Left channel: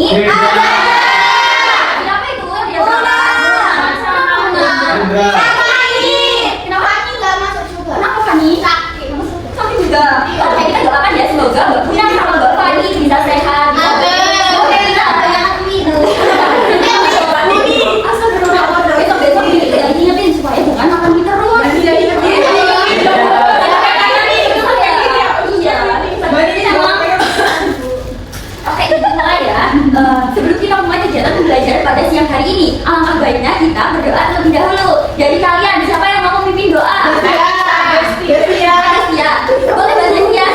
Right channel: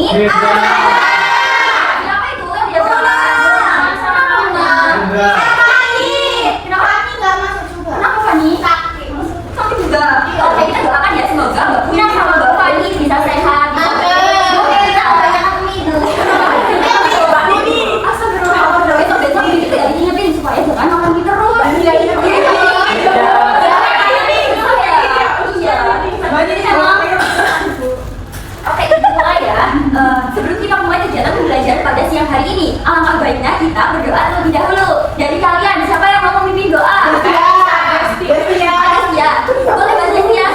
ini ada. Siapa itu yang dia bilang? Sama kamu. Kenapa ini nggak masuk juga? Kenapa Fani? Sakit juga. Oke, kita doakan ya semoga Mbak Punya sama Mbak Fani bisa sehat. Oke, kita ada yang itu. Asal besok diingetin supaya bukan makan mie terus. Oke, mulai ya. Sebelum kita mulai kegiatan pembelajaran pada siang hari ini, alangkah baiknya kita berdoa terlebih dahulu. Jadi kalian siapa yang mau memimpin doa? Boleh bantu ya.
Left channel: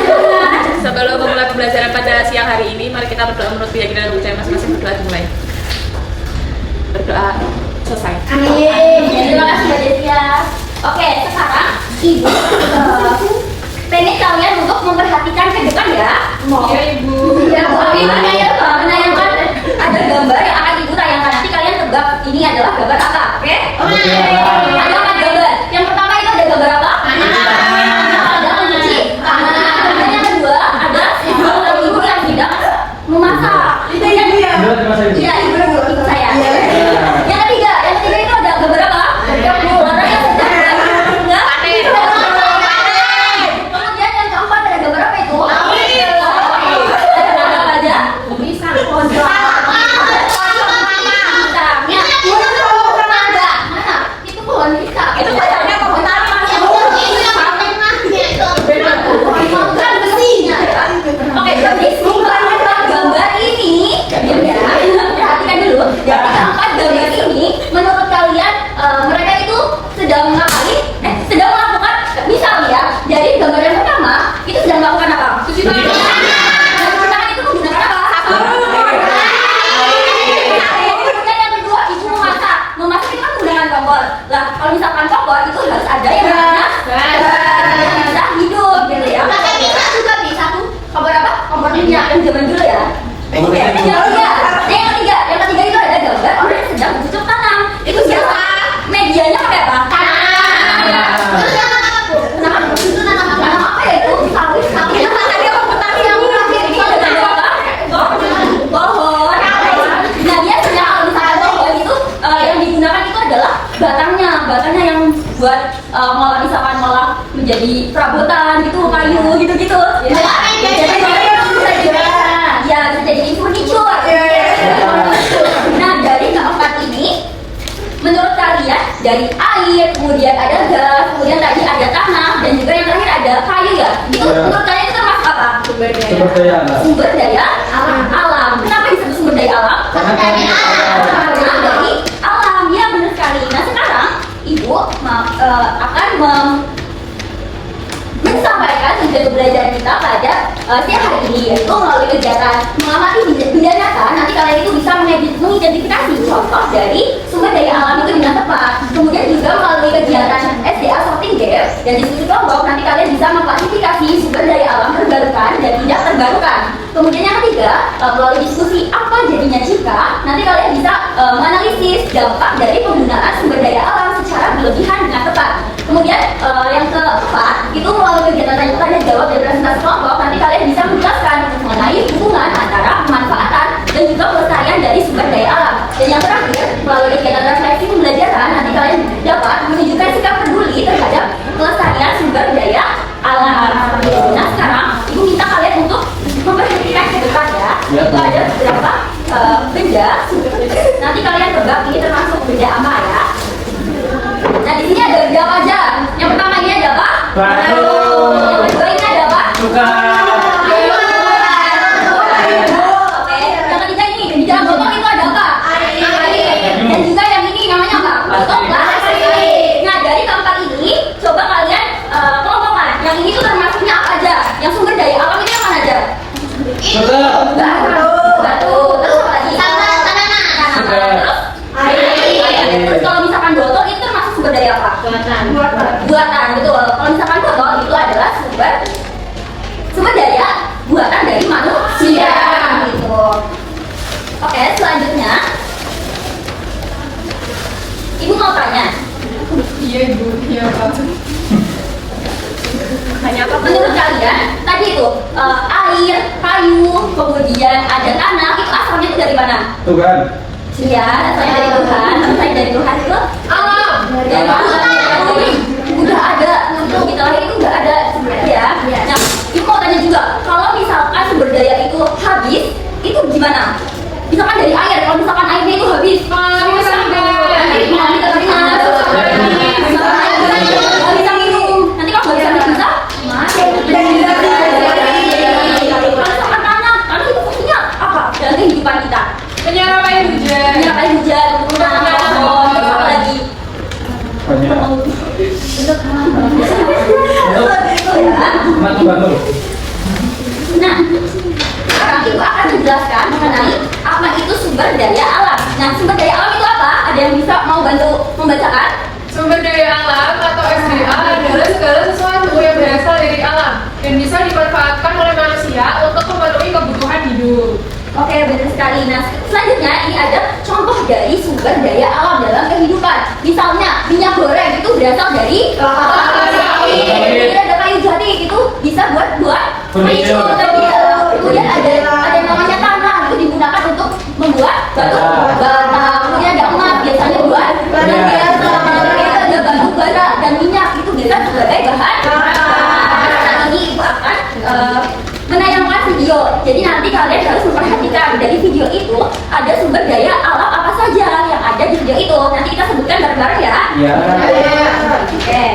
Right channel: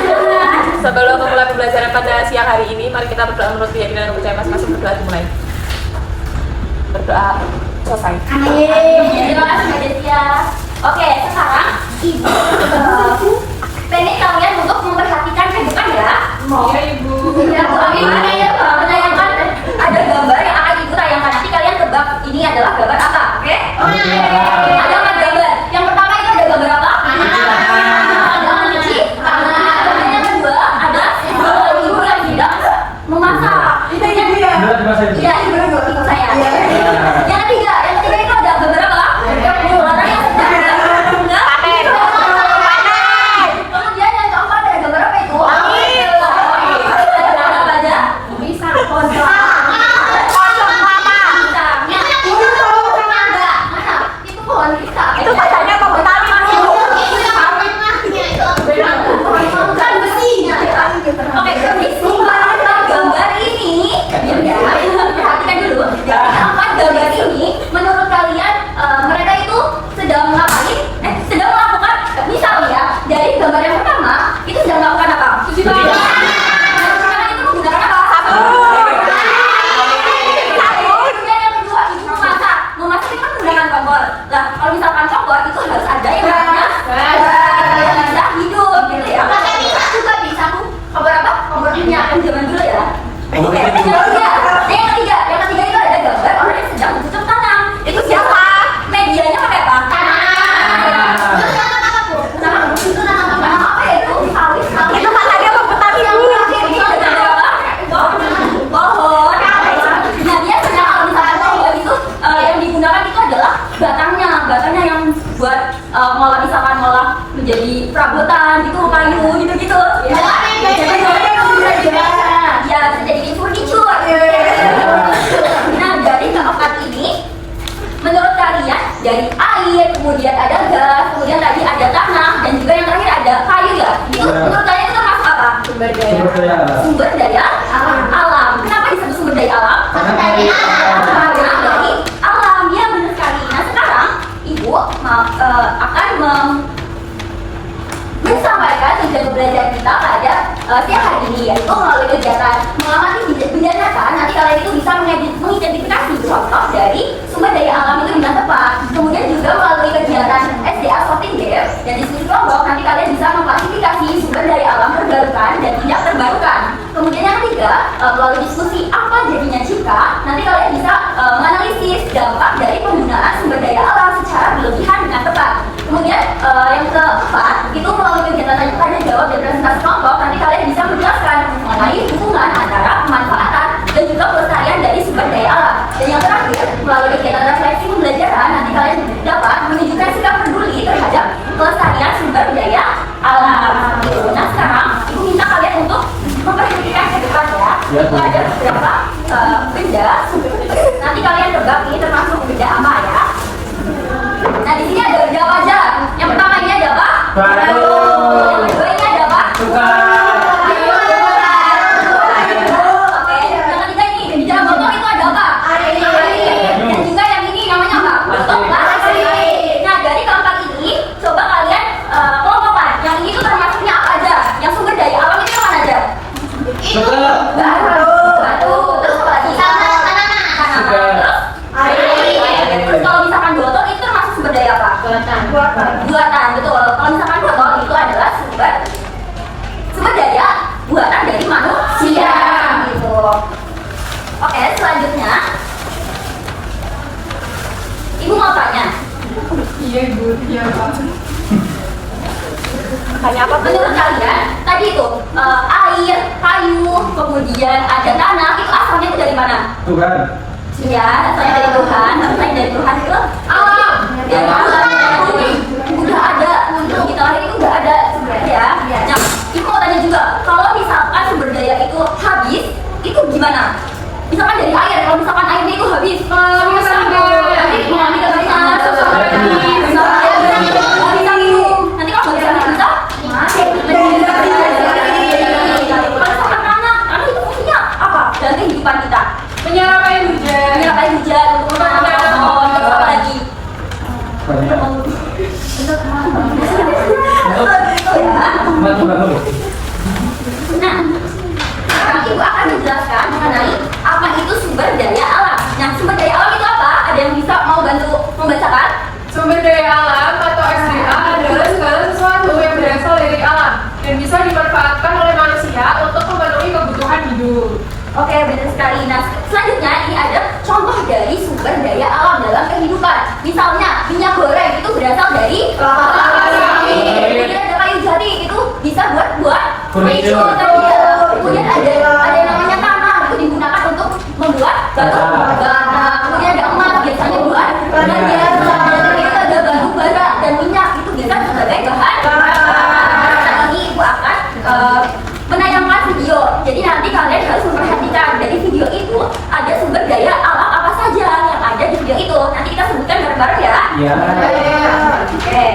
Sebelum memulai pembelajaran pada siang hari ini, mari kita berdoa menurut keyakinan percaya masing-masing setelah dimulai. Berdoa selesai. Terima kasih Mbak Desia. Oke, sekarang Ibu pengen kalian untuk memperhatikan ke depan ya. Iya Ibu. Ya, gimana ya? Menayangkan ada gambar yang akan Ibu tayangkan. Nanti kalian tebak ini adalah gambar apa? Oke? Ada 4 gambar. Yang pertama itu ada gambar apa? Ada mencuci tangan. Yang kedua ada ibu yang sedang memasak. Itu yang iya, ibu ikut saya. Yang ketiga itu ada gambar apa? Orang yang sedang kemudian yang keempat ada gambar apa itu? Apa aja? Bisa. Pojok. Itu pohon pisang. Itu kacangnya pohon taman. Bukan besi. Oke, jadi gambar ini ya, perhatikan dulu. Jadi keempat gambar ini menurut kalian mereka itu sedang ngapain? Sedang melakukan misal ya. Jadi gambar yang pertama itu sedang melakukan apa? Cuci tangan. Nah, cuci tangan itu menggunakan apa? Kemudian yang kedua ibu memasak. Memasak itu kan menggunakan kompor. Lah kalau misalkan kompor itu harus ada yang namanya bisa hidup gitu ya. Satu kompor apa? Kompor minyak yang zaman dulu ya. Yang ketiga itu ada gambar orang yang sedang bercocok tanam. Itu siapa? Medianya pakai apa? Apa ya itu? Pohon. Nah dia sedang misalnya pohon itu yang digunakan itu adalah batangnya yang buat ngolah menjadi perabotan gitu, kayu gitu. Ya, bisa jadi furniture. Nah, dari keempat ini, menurut kalian dari air, kemudian ada gas, kemudian tadi ada tanah, dan juga yang terakhir ada kayu ya. Itu menurut kalian itu termasuk apa? Sumber daya alam. Kenapa disebut sumber daya alam? Karena dari alam. Ya, benar sekali. Nah, sekarang Ibu akan menyampaikan tujuan pembelajaran kita pada siang hari ini, yaitu melalui kegiatan mengamati benda nyata. Nanti kalian itu bisa mengidentifikasi contoh dari sumber daya alam itu dengan tepat. Kemudian juga melalui kegiatan SDA Sorting Gap dan diskusi kelompok, nanti kalian bisa mengklasifikasi sumber daya alam terbarukan dan tidak terbarukan. Kemudian yang ketiga, melalui diskusi apa jadinya jika, nanti kalian bisa menganalisis dampak dari penggunaan sumber daya alam secara berlebihan dengan tepat. Kemudian yang keempat itu melalui kegiatan tanya jawab dan presentasi kelompok, nanti kalian bisa menjelaskan mengenai hubungan antara pemanfaatan dan juga pelestarian dari sumber daya alam. Dan yang terakhir, melalui kegiatan refleksi pembelajaran, nanti kalian dapat menunjukkan sikap peduli terhadap pelestarian sumber daya alam. Nah sekarang Ibu minta kalian untuk memperhatikan ke depan ya. Itu ada beberapa benda. Nanti kalian tebak ini termasuk benda apa ya. Nah di sini ada benda apa aja? Yang pertama ini ada apa? Batu. Yang kedua ini ada apa? Oke. Yang ketiga ini di dalam botol itu ada apa? Air. Dan juga yang ini namanya apa? Botol plastik. Nah dari keempat ini coba kalian kelompokkan. Yang ini tuh termasuknya apa aja? Yang sumber daya alam itu yang mana aja? Batu. Terus apa lagi? Terus air. Kalau misalkan botol itu termasuk sumber daya apa? Buatan, betul. Kalau misalkan botol itu adalah sumber daya buatan dari manusia gitu. Oke, selanjutnya Ibu mau tanya. Iya Ibu, iya Pak. Tanya apa? Menurut kalian tadi itu air, kayu, kemudian ada tanah, itu asalnya itu dari mana? Tuhan. Iya, asalnya dari Tuhan. Asalnya dari Tuhan itu alam. Ya, udah ada untuk kita lahir itu udah ada ya. Nah, itu mau tanya juga, kalau misalkan sumber daya itu habis, itu gimana? Misalkan dari air, kalau misalkan airnya itu habis, nanti bisa minum. Nanti kalau nggak bisa mati. Misalkan tanah, karena itu fungsinya apa? Dan kehidupan kita. Menyerap air hujan. Menyerap air hujan, untuk menanam pohon, apa lagi? Banyak. Nah, sekarang Ibu akan menjelaskan mengenai apa itu sumber daya alam. Nah, sumber daya alam itu apa? Ada yang bisa mau bantu membacakan? Sumber daya alam atau SDA adalah segala sesuatu yang berasal dari alam dan bisa dimanfaatkan oleh manusia untuk memenuhi kebutuhan hidup. Oke, benar sekali. Nah, selanjutnya ini ada contoh dari sumber daya alam dalam kehidupan. Misalnya, minyak goreng itu berasal dari kelapa sawit. Kemudian ada kayu jati itu bisa buat furniture. Kemudian ada yang namanya tanah itu digunakan untuk membuat batu bata. Kemudian ada emas biasanya buat kemudian ada batu bara dan minyak itu bisa sebagai bahan. Saat ini Ibu akan menayangkan video. Jadi nanti kalian harus memperhatikan dari video itu ada sumber daya alam apa saja yang ada di video itu. Nanti kita sebutkan bareng-bareng ya. Ya. Oke.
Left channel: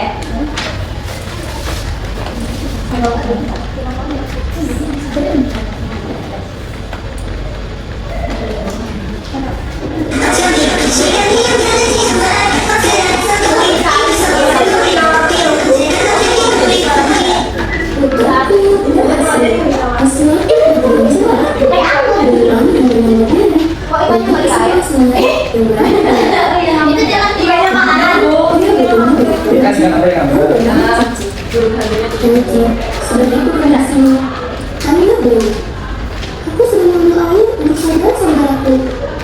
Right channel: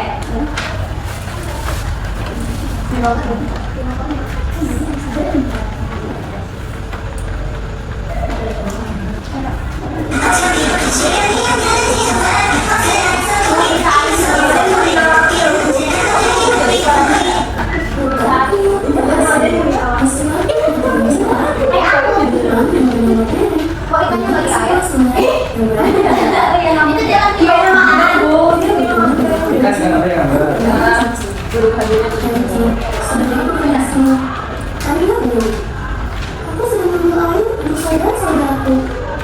Aku sering mengambil air untuk saudara saudaraku.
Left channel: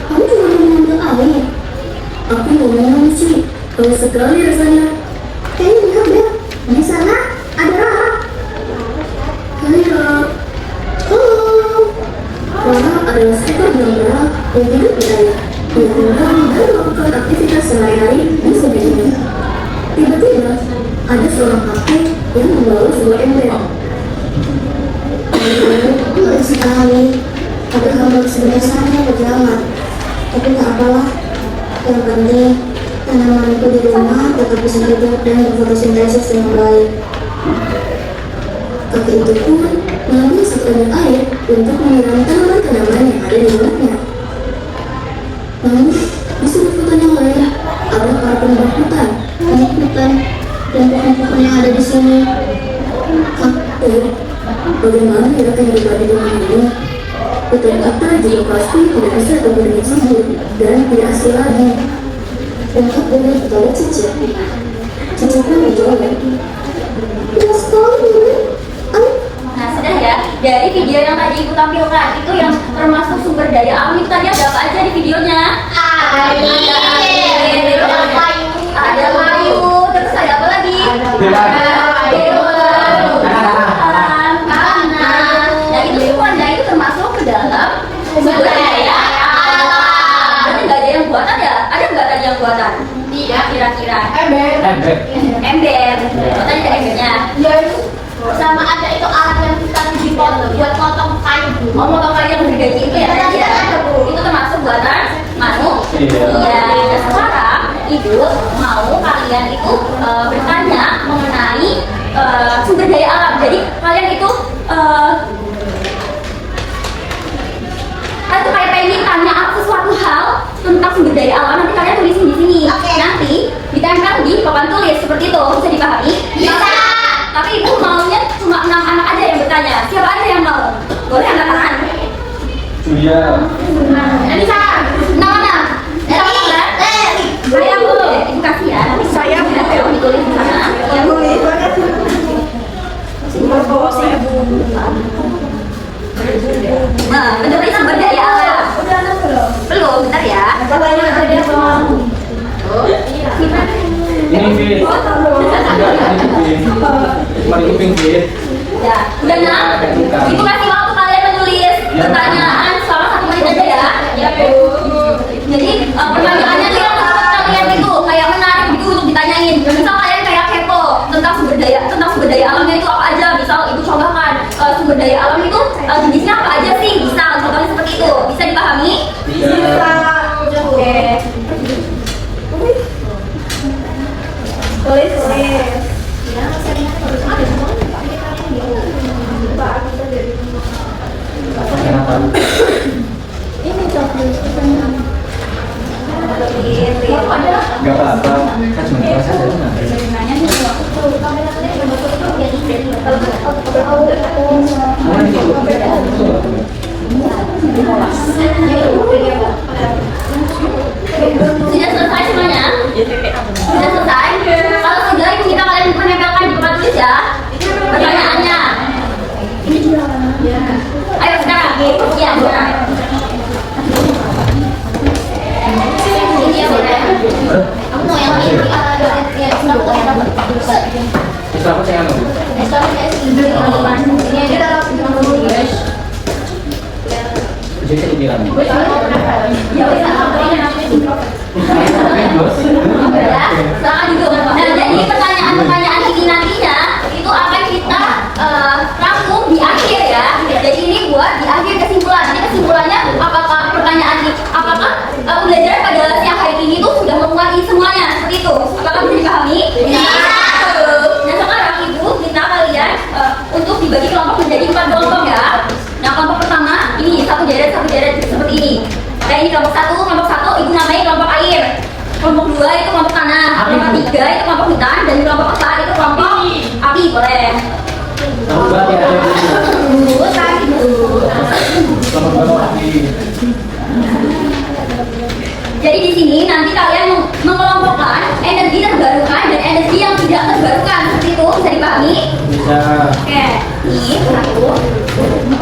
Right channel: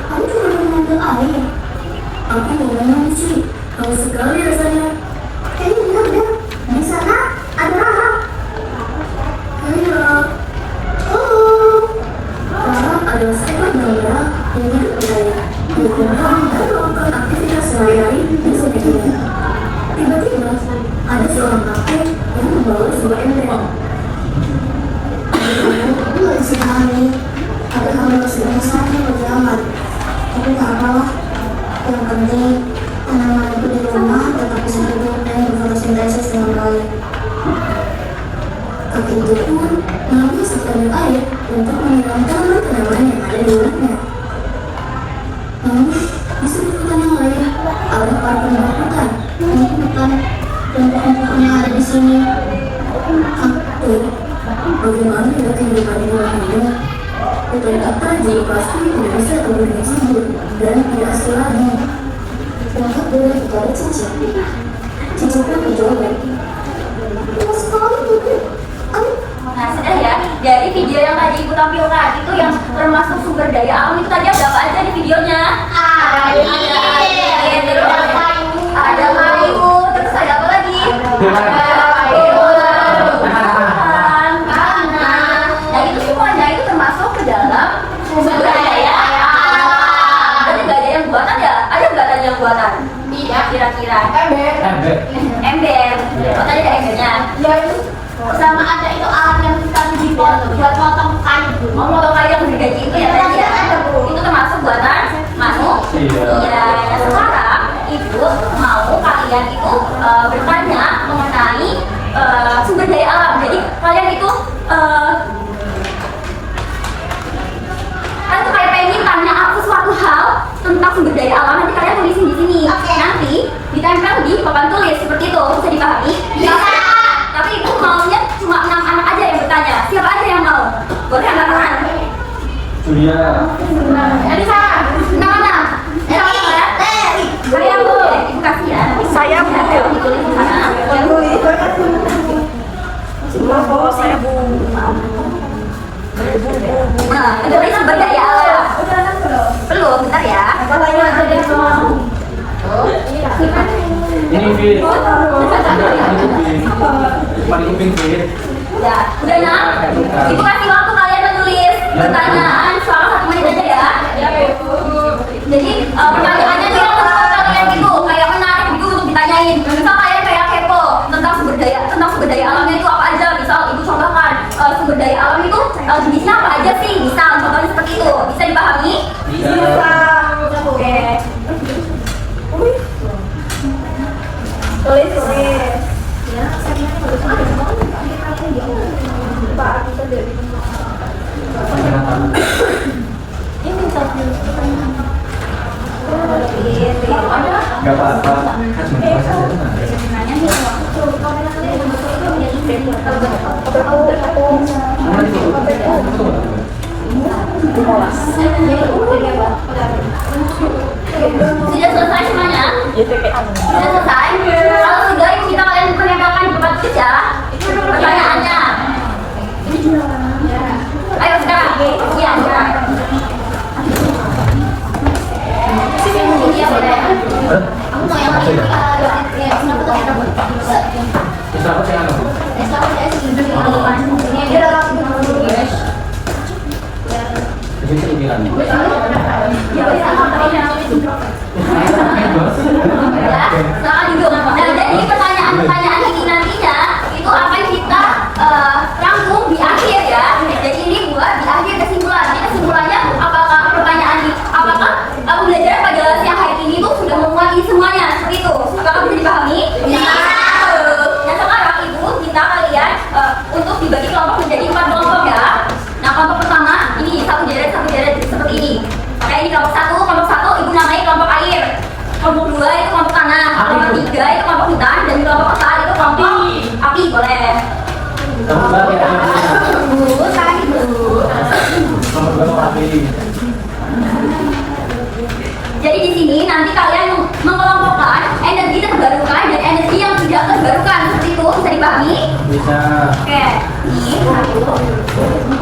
Kamu juga mau mengambil air? Aku mau ngomong sih, kalau sekali rasanya. Kayaknya lihat deh, di sana ada Rahab. Hai Rahab. Oh, Rahab adalah seekor benang merah yang hidup di air. Dia tinggal dan melakukan aktivitas sehari-hari di sungai ini. Tiba-tiba ada seorang kakek yang membawa sebuah ember. Baik sekali, ada hamba sebenarnya saya beramat. Tapi tak apalah, yang penting tanaman itu di rumah tetap bisa hidup dan berfotosintesis dengan baik. Kakek itu pun mengambil sekadar air untuk menyiram tanaman-tanaman yang ada di rumahnya. Namun, di sudut hutan yang lain ada para penduduk hutan, banyak hutan dan pohon-pohon yang ada di sini. Bagaimana ya yang dibagi dengan dia? Hutan apa juga pasti tidak bisa berbentuk hidup dan tidak asli lagi. Lengkap dengan segala cicit. Cicitnya menjawab. Tidak sekali. Nah, sudah ya. Dari video yang tadi Ibu tampilkan itu yang termasuk sumber daya alam itu tadi ada apa aja di videonya? Ada kayu, terus ada apa lagi? Sumber daya alam. Berarti nggak ada yang buatan ya? Ada nggak tadi yang buatan? Iya, kira-kira. Ember. Tadi ada embernya. Sama ada itu alat yang kita dipotong buat potong kayu. Oh, motong kayu yang bergaji itu ya tadi ya? Itu termasuk buatan manusia. Nah, sekarang Ibu mau kalian itu bertanya mengenai sumber daya alam. Jadi kalian itu kan tuh kayak pengen tanya sesuatu hal tentang sumber daya alam, nanti kalian tulisin di sini. Nanti ditempel di papan tulis seperti itu, bisa dipahami? Bisa. Tapi Ibu maunya cuma 6 anak aja yang bertanya. Siapa aja yang mau? Boleh angkat tangan. Iya. Nanti saya 6 anak. Boleh aku? Ibu kasih ya. Nanti saya ditulis di sana. Nah, mengenai sumber daya alam. Belum, bentar ya. Ini Fit. Cuma ini kuping Fit. Ya, udah ya. Ibu kasih waktu kalian menulis pertanyaan selama 1 menit aja ya. pertanyaannya tuh yang menurut kalian itu kayak menarik gitu untuk ditanyain. Misal kalian kayak kepo tentang sumber daya alamnya itu apa aja. Misal ibu contohkan sumber daya alam itu jenisnya apa aja sih? Misal contohnya seperti itu. Bisa dipahami? Bisa. Oke. Kenapa? Gak apa-apa, kan cuma kelas aja tuh Sudah selesai semuanya? Sudah selesai? Kalau sudah, ibu minta kalian menempelkan di tempat tulis ya pertanyaannya. Ayo sekarang. Iya. Ini ya boleh. Aku mau yang ini. Bisa apa saya nggak? Ini aja dalam Jadi saya bilang. ya bisa sampai Nah, jadi pertanyaan-pertanyaan ini nantinya itu akan kita rangkum di akhir ya. Jadi ini buat di akhir kesimpulan. Jadi kesimpulannya apakah pertanyaan ini, apakah pembelajaran pada siang hari ini tuh sudah memuat ini semuanya seperti itu? Apakah bisa dipahami? Nah sekarang ibu minta kalian untuk dibagi kelompok menjadi 4 kelompok ya. Nah kelompok pertama ini satu deret seperti ini. Kayak ini kelompok satu ibu namanya kelompok air. Kelompok 2 itu kelompok tanah, kelompok 3 itu kelompok hutan, dan kelompok 4 itu kelompok api, boleh. Kamu berarti ada Kelompok api. Jadi di sini nanti kalian mengelompokkan energi terbarukan dan energi yang tidak terbarukan seperti itu, bisa dipahami? Bisa. Oke, ini satu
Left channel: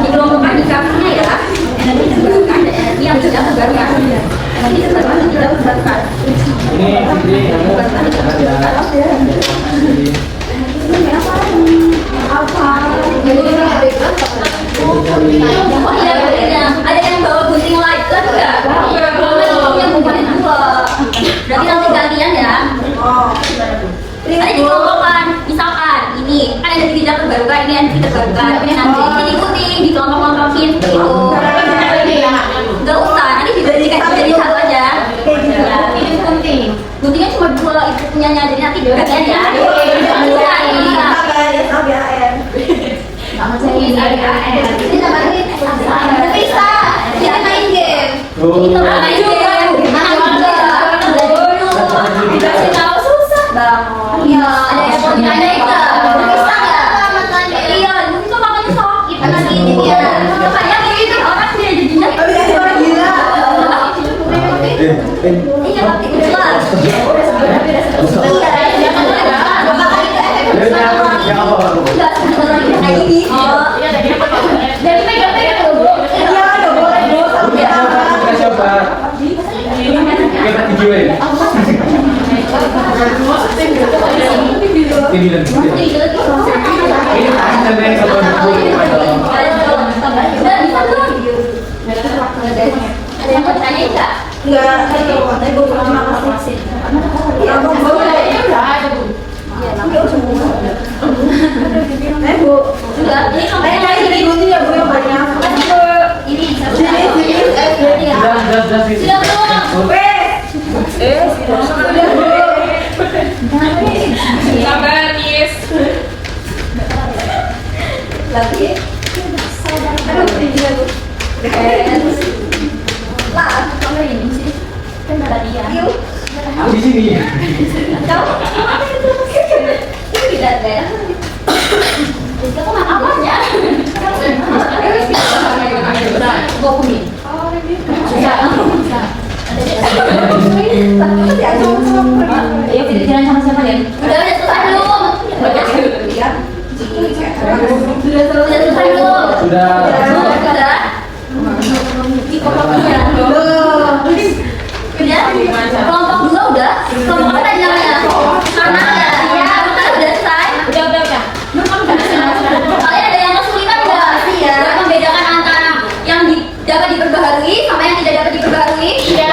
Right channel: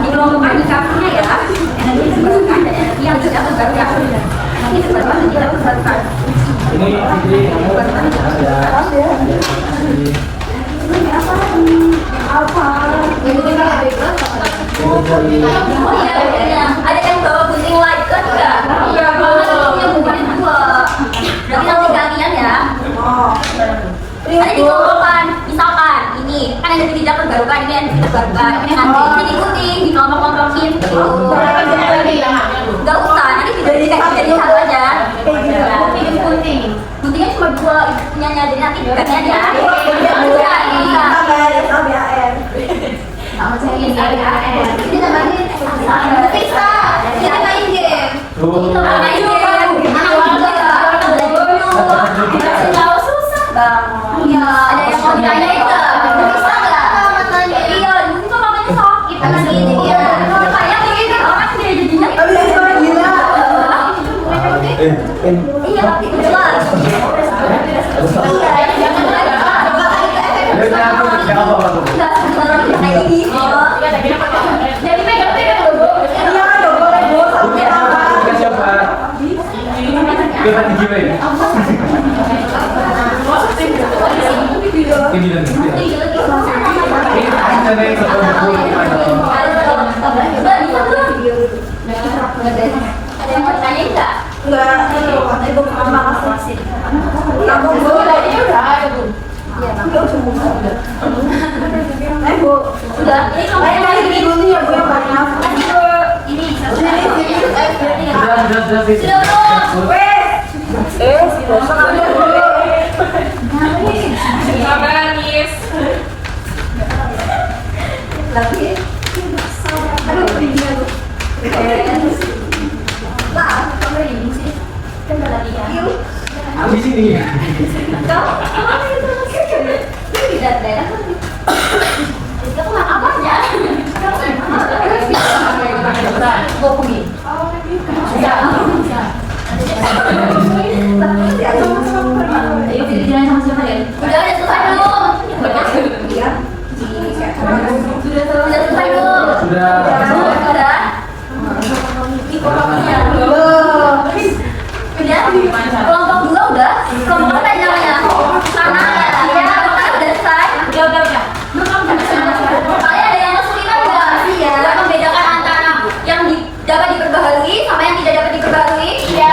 dikelompokkan di kakinya ya, energi terbarukan dan energi yang tidak terbarukan. Energi terbarukan dan tidak terbarukan. Ini kamu ada. Apa? Oh iya, ada yang bawa gunting light kan enggak? Yang bukan dua. Berarti nanti gantian ya. Nanti dikelompokkan, misalkan ini kan energi tidak terbarukan, ini energi terbarukan. Nanti diikuti, dikelompok-kelompokin. Enggak usah, nanti dikasih jadi satu aja. Guntingnya cuma 2 ibu punyanya, jadi nanti gantian ya. Ini namanya bisa. Kita main game. Kita main game. Kalau susah banget. Iya, ada yang mau ditanya enggak? Bisa enggak? Iya, itu makanya sakit nanti dia. Makanya begitu orang dia jadinya orang gila. Iya, itu jelas. Jangan apa-apa. Enggak, kayak gini. Jadi pegang-pegang dulu. Iya, Kasih apa? Kita dijual. Ini dan ini ada yang satu ada yang mau tanya enggak? Udah, ini kamu lagi ini sudah Sabar, Miss. lagi. Lah, kamu ini sih. Kan tadi ya. Aku di sini. Tidak ada. Kamu apa aja? Ayo kita jalan sama siapa ya? Udah selesai belum? Sudah selesai belum? Sudah. Sudah. Udah. Kelompok 2 udah. Kelompok apa namanya? Karena ya, makanya udah selesai. Udah. Kalian ada yang kesulitan nggak? Iya. Buat membedakan antara yang dapat diperbaharui sama yang tidak dapat diperbaharui? Iya.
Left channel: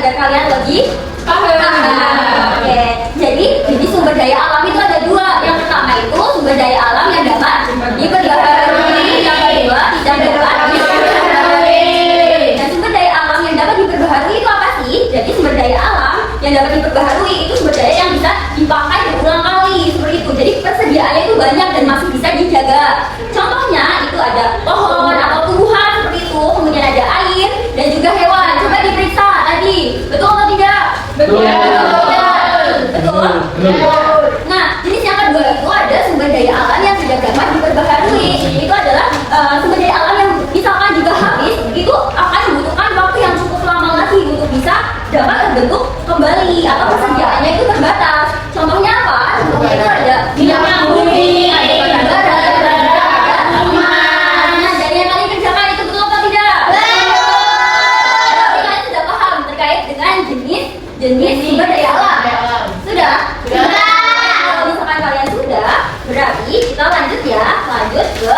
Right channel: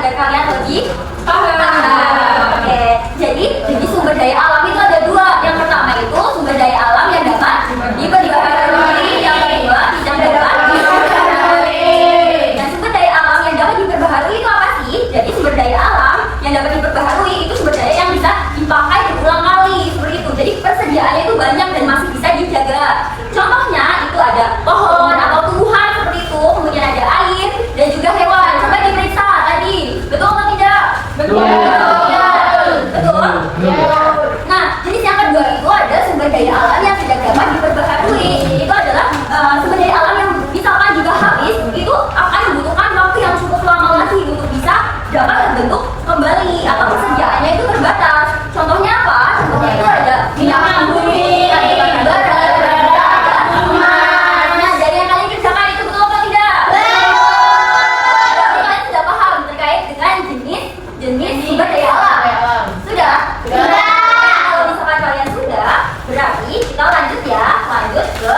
agar kalian lebih Paham. Oke, jadi sumber daya alam itu ada dua. Yang pertama itu sumber daya alam yang dapat diperbaharui, yang kedua tidak dapat diperbaharui. Dan sumber daya alam yang dapat diperbaharui itu apa sih? Jadi sumber daya alam yang dapat diperbaharui itu sumber daya yang bisa dipakai berulang kali seperti itu. Jadi persediaannya itu banyak dan masih bisa dijaga. Contohnya itu ada pohon atau tumbuhan seperti itu, kemudian ada air dan juga hewan. Coba diperiksa tadi, betul atau tidak? Betul. Ya, betul. Nah, jenis yang kedua itu ada sumber daya alam yang tidak dapat diperbaharui. Itu adalah sumber daya alam yang misalkan jika habis, itu akan membutuhkan waktu yang cukup lama lagi untuk bisa dapat terbentuk kembali atau persediaannya itu terbatas. Contohnya apa? Contohnya itu ada minyak bumi, ada batu bara, ada emas. Nah, dari yang kalian kerjakan itu betul atau tidak? Betul. Berarti kalian sudah paham terkait dengan jenis sumber daya alam. Sudah? Sudah. Kalau misalkan kalian sudah, berarti kita lanjut ya, lanjut ke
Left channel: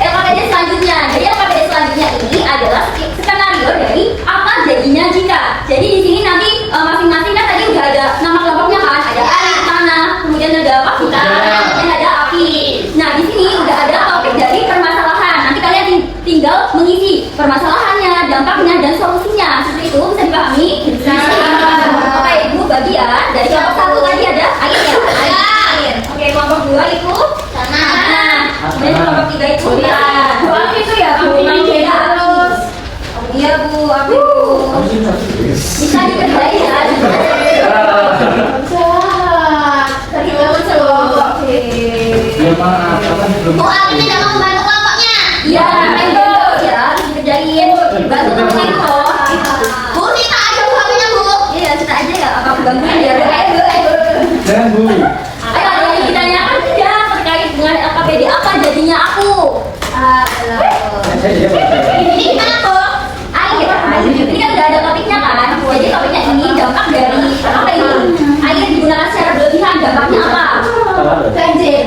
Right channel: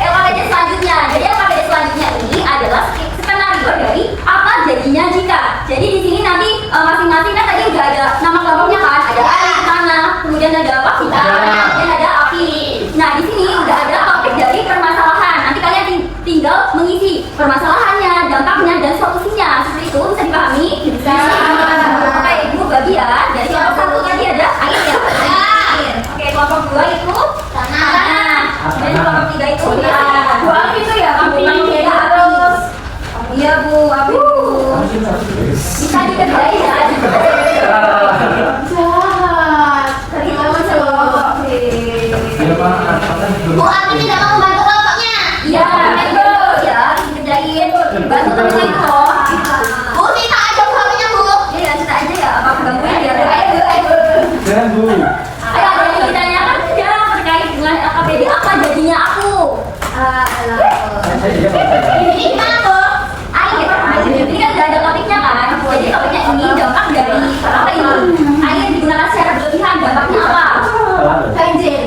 LKPD selanjutnya. Jadi LKPD selanjutnya ini adalah skenario dari apa jadinya jika. Jadi di sini nanti masing-masing kan tadi udah ada nama kelompoknya kan, ada air, tanah, kemudian ada apa? Kemudian ada api. Nah di sini udah ada topik dari permasalahan. Nanti kalian tinggal mengisi permasalahannya, dampaknya dan solusinya. Seperti itu bisa dipahami? Bisa. Oke, ibu bagian dari kelompok satu tadi ada air ya. Air. Oke, kelompok dua itu tanah. Dan kelompok tiga itu Buang itu ya, Bu. terus. Iya bu, api bu. Bisa dikerjain ya. Jahat. Terima kasih loh. Ya Pak, apa Bu Abi tidak mau membantu kelompoknya. Iya, itu ya dikerjain. Bantu temen kok. Bu, minta aja suaminya, Bu. Iya, kita aja ya. Apa kebantuan ya? Ayo. jangan Bu. Ayo, ada yang ditanyakan tidak terkait dengan LKPD apa jadinya aku? Saya dia Pak. Ini gimana tuh? Air. Ini kan udah ada topiknya kan? Jadi topiknya ini dampak dari apa ini? Air digunakan secara berlebihan, dampaknya apa? Salah loh. Banjir.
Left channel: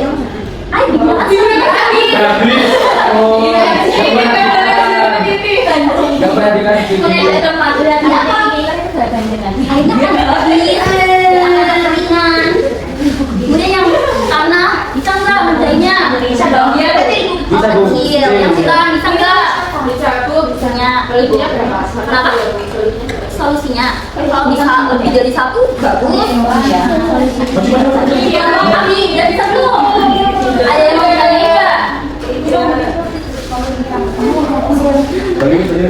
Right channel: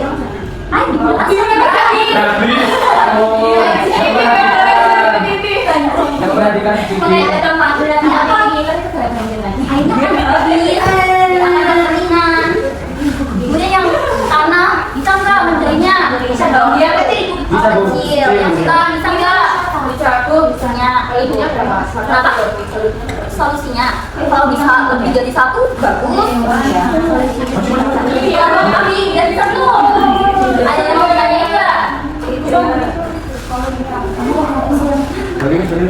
Air digunakan Habis. Oh, yang perhatikan di sini. kemudian ada tempat berarti apa? Airnya kan habis, ada keringan. Kemudian yang tanah bisa nggak menjadinya? Bisa dong. Iya, Berarti Bisa, Bu. kecil. Yang hitam bisa nggak? Bisa aku. Misalnya Solusinya berapa? Kenapa? Solusinya kalau bisa lebih dari satu bagus. Iya, kami tidak bisa belum. Ada yang mau bertanya enggak? Boleh sini.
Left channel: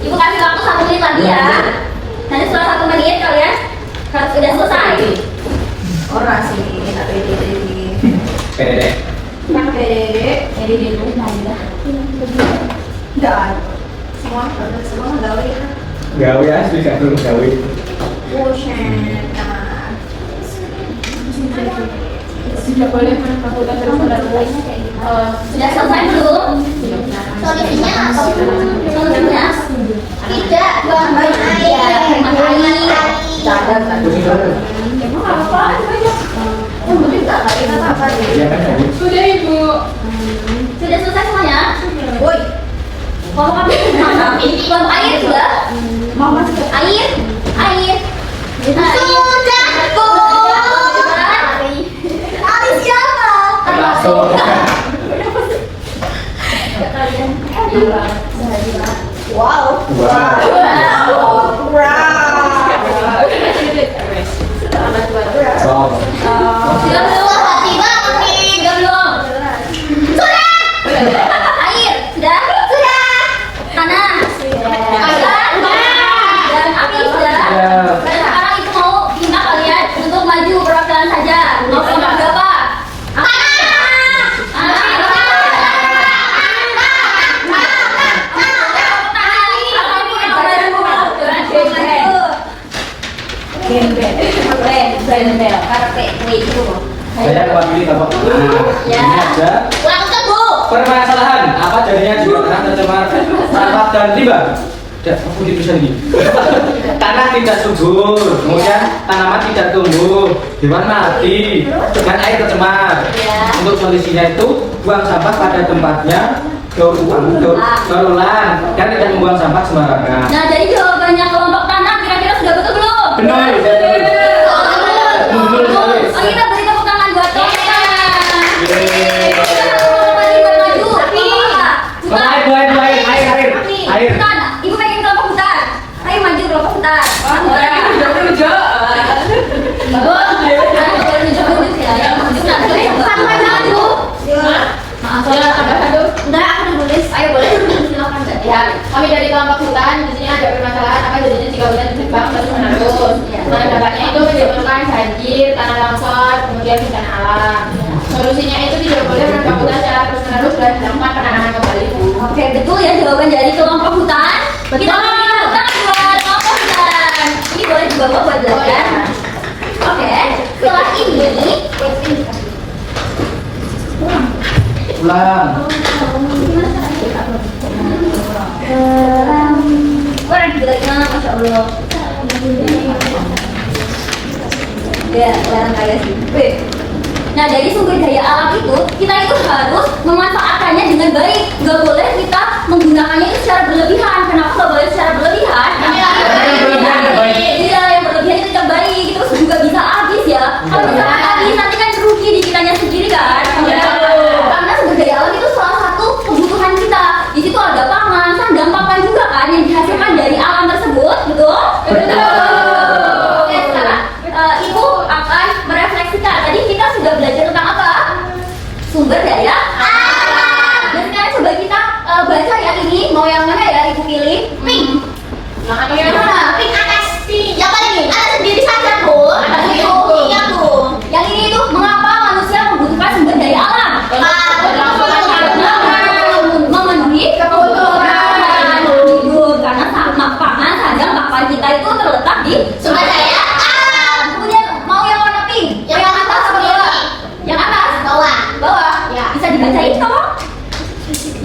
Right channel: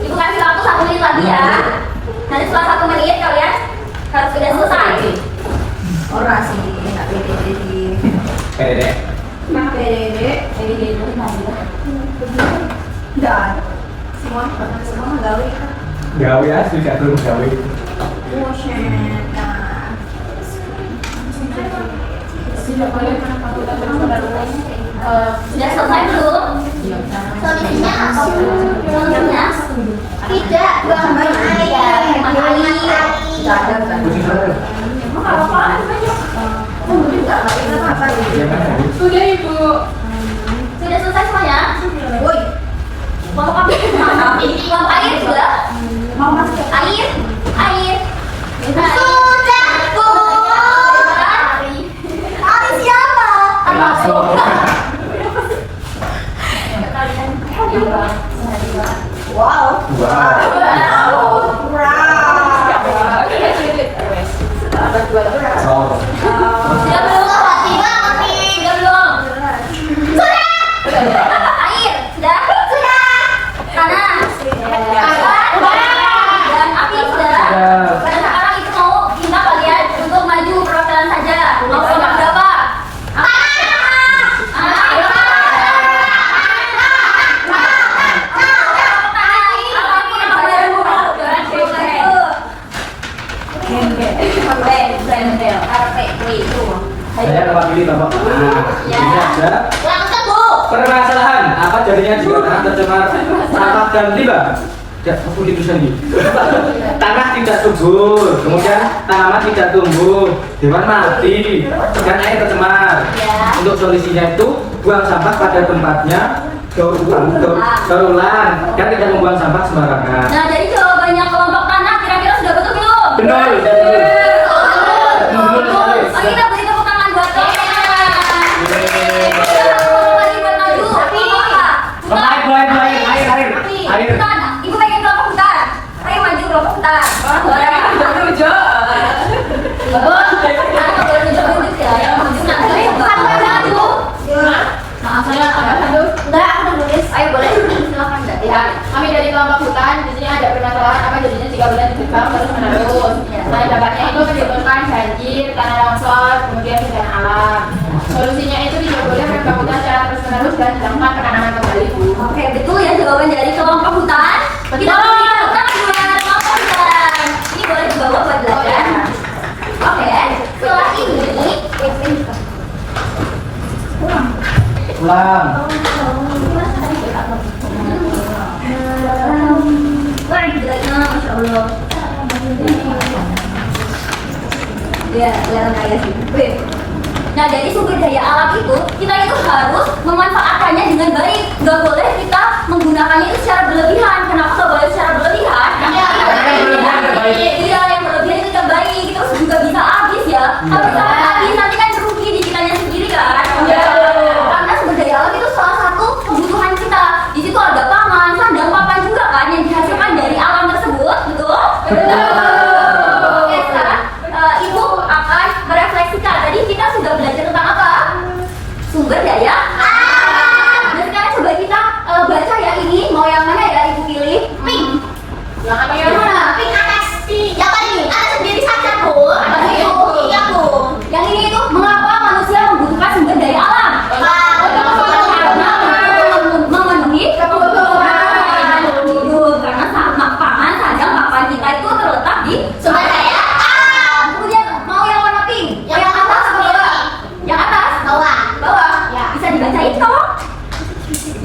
Ibu kasih waktu 1 menit lagi ya. Nanti setelah 1 menit kalian harus sudah selesai. Orasi, nggak pede. PDD. Pede dulu. Dan semua gawe kan. Gawe asli gak turun gawe. Sudah boleh kan aku udah terus. Sudah selesai belum? Solusinya apa? Solusinya tidak buang air, hemat air. Pusing sama. Emang apa? Iya kan tadi. Sudah Ibu. Sudah selesai semuanya? Woi. Mau kami buang air sudah? Mau masuk. Air. Sudah, Bu. Abi siapa? Langsung. Wow. Wow. So. Sudah belum? Hati banget nih. Sudah belum? Sudah. Air. Sudah? Sudah. Tanah. Dan api sudah. Dan sekarang itu mau minta kalian untuk maju perwakilan saja. Mau kelompok berapa? Saya mewakili Bapak. Ini ada Langsung, Bu. permasalahan apa jadinya jika tanah tercemar sampah dan limbah. Tidak, aku itu sendiri. Tanah tidak subur, kemudian tanaman tidak tumbuh, hewan mati, dan air tercemar. Ya. Untuk solusinya itu buang sampah pada tempatnya, daur ulang. Kan tidak membuang sampah sembarangan. Nah, jadi jawabannya kelompok tanah kira-kira sudah betul belum? Benar. Oh, kita beri tepuk tangan buat Tona. Yeay. Maju. Bukan. Air. Bukan. Ibu pengen kelompok hutan. Ayo maju kelompok hutan. Maaf, saya aduh. Enggak, aku udah nulis. Ayo boleh. Silakan Mbak. Ya, kami dari kelompok hutan di sini ada permasalahan apa jadinya 3 bulan di Jepang terus menerus. Nah, dampaknya itu menyebabkan banjir, tanah longsor, kemudian bencana alam. Solusinya itu tidak boleh mereka hutan secara terus menerus dan dilakukan penanaman kembali. Oke, betul ya jawaban dari kelompok hutan. Kita beri tepuk tangan buat kelompok hutan. Ini boleh dibawa buat belajar. Oke, setelah ini Ulang. Wah, Masya Allah. Ya, jarang kaya sih. Nah, dari sumber daya alam itu, kita itu harus memanfaatkannya dengan baik. Gak boleh kita menggunakannya itu secara berlebihan. Kenapa gak boleh secara berlebihan? Iya, yang berlebihan itu tidak baik. Terus juga bisa habis ya. Kalau misalkan habis, nanti kan rugi di kitanya sendiri kan. Karena sumber daya alam itu salah satu kebutuhan kita. Di situ ada pangan, sandang, papan juga kan yang dihasilkan dari alam tersebut, betul? Oke, sekarang Ibu akan merefleksikan. Tadi kita sudah belajar tentang apa? Sumber daya alam. Dan sekarang coba kita baca ya ini. Mau yang mana ya Ibu pilih? Pink. Pink atas. Yang paling atas sendiri saja, Bu. Iya, Bu. Yang ini itu mengapa manusia membutuhkan sumber daya alam? Memenuhi kebutuhan hidup. Karena pangan, sandang, papan kita itu terletak di sumber daya alam. Kemudian mau yang warna pink? Yang atas atau bawah? Yang atas? Bawah. Bawah? Ya. Bisa dibacain tolong?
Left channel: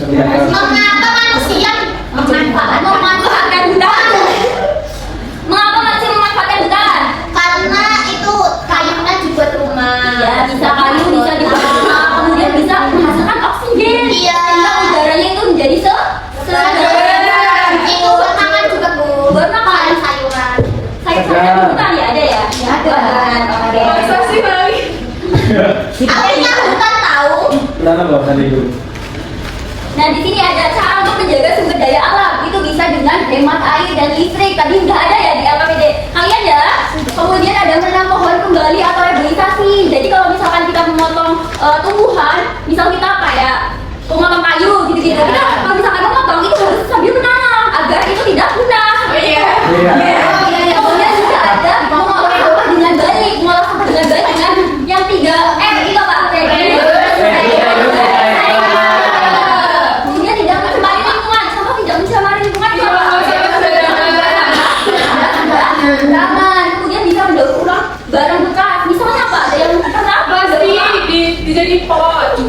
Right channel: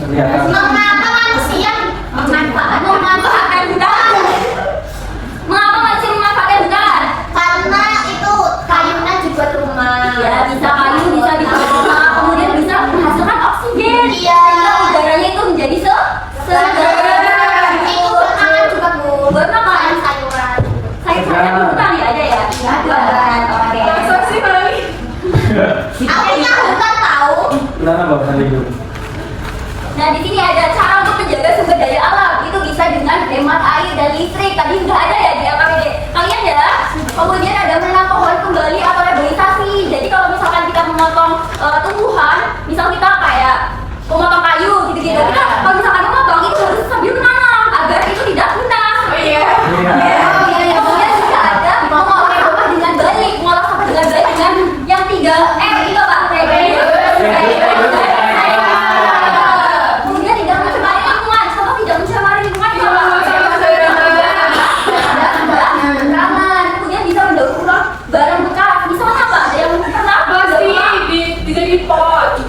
Mengapa manusia memanfaatkan hutan? Mengapa manusia memanfaatkan hutan? Karena itu kayunya dibuat rumah. Iya, bisa kayu, bisa dibuat rumah. Kemudian bisa menghasilkan oksigen. Iya. Sehingga udaranya itu menjadi segar. Itu bermakan juga, Bu. Bermakan sayuran. Sayuran hutan ya ada ya? Iya, ada. Masa sih Bali? Artinya hutan tahu. Kenapa bawa kali itu? Nah, di sini ada cara untuk menjaga sumber daya alam. Itu bisa dengan hemat air dan listrik. Tadi sudah ada ya di LKPD. Kalian ya. Kemudian ada menanam pohon kembali atau rehabilitasi. Jadi kalau misalkan kita memotong tumbuhan, misal kita kayak memotong kayu gitu-gitu. Kita kalau misalkan memotong itu harus sambil menanam agar itu tidak punah. Iya. Kemudian juga ada mengolah sampah dengan baik. Mengolah sampah dengan baik dengan yang 3M itu apa? Kemudian tidak mencemari lingkungan. Sampah tidak mencemari lingkungan. Ramah. Kemudian bisa mendaur ulang barang bekas. Misalnya apa? Ada yang pernah Dijadi pot.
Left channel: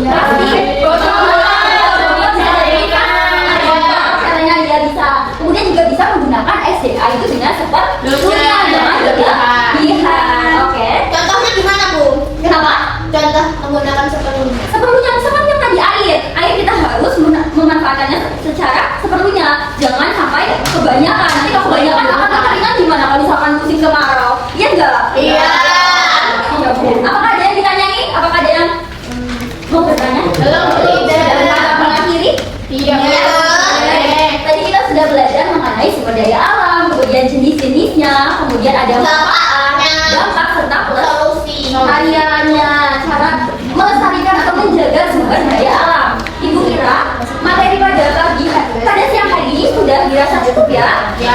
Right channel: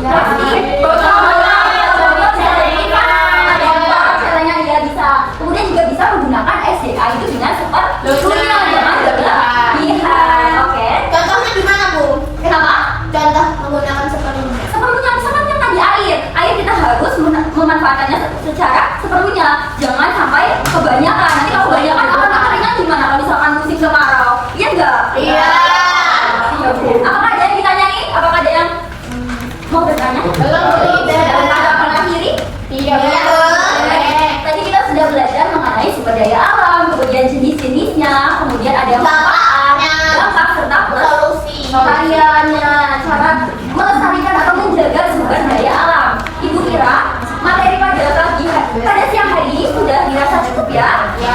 Caranya dia bisa. Kemudian juga bisa menggunakan SDA itu dengan seperlunya, jangan berlebihan. Oke. Contohnya gimana, Bu? Kenapa? Contoh menggunakan sepenuhnya. Seperlunya misalkan yang tadi air kita harus memanfaatkannya secara seperlunya, jangan sampai kebanyakan. Nanti kalau kebanyakan akan kekeringan gimana kalau misalkan musim kemarau? Iya enggak? Iya. Apakah ada yang ditanyain? Apakah ada yang mau bertanya? Belum, tidak. Mengakhiri? Tidak. Tadi kita sudah belajar mengenai sumber daya alam, kemudian jenis-jenisnya, kemudian ada dampak serta solusi variannya, cara melestarikan atau menjaga sumber daya alam. Ibu kira materi pada siang hari ini sudah dirasa cukup ya? Ya.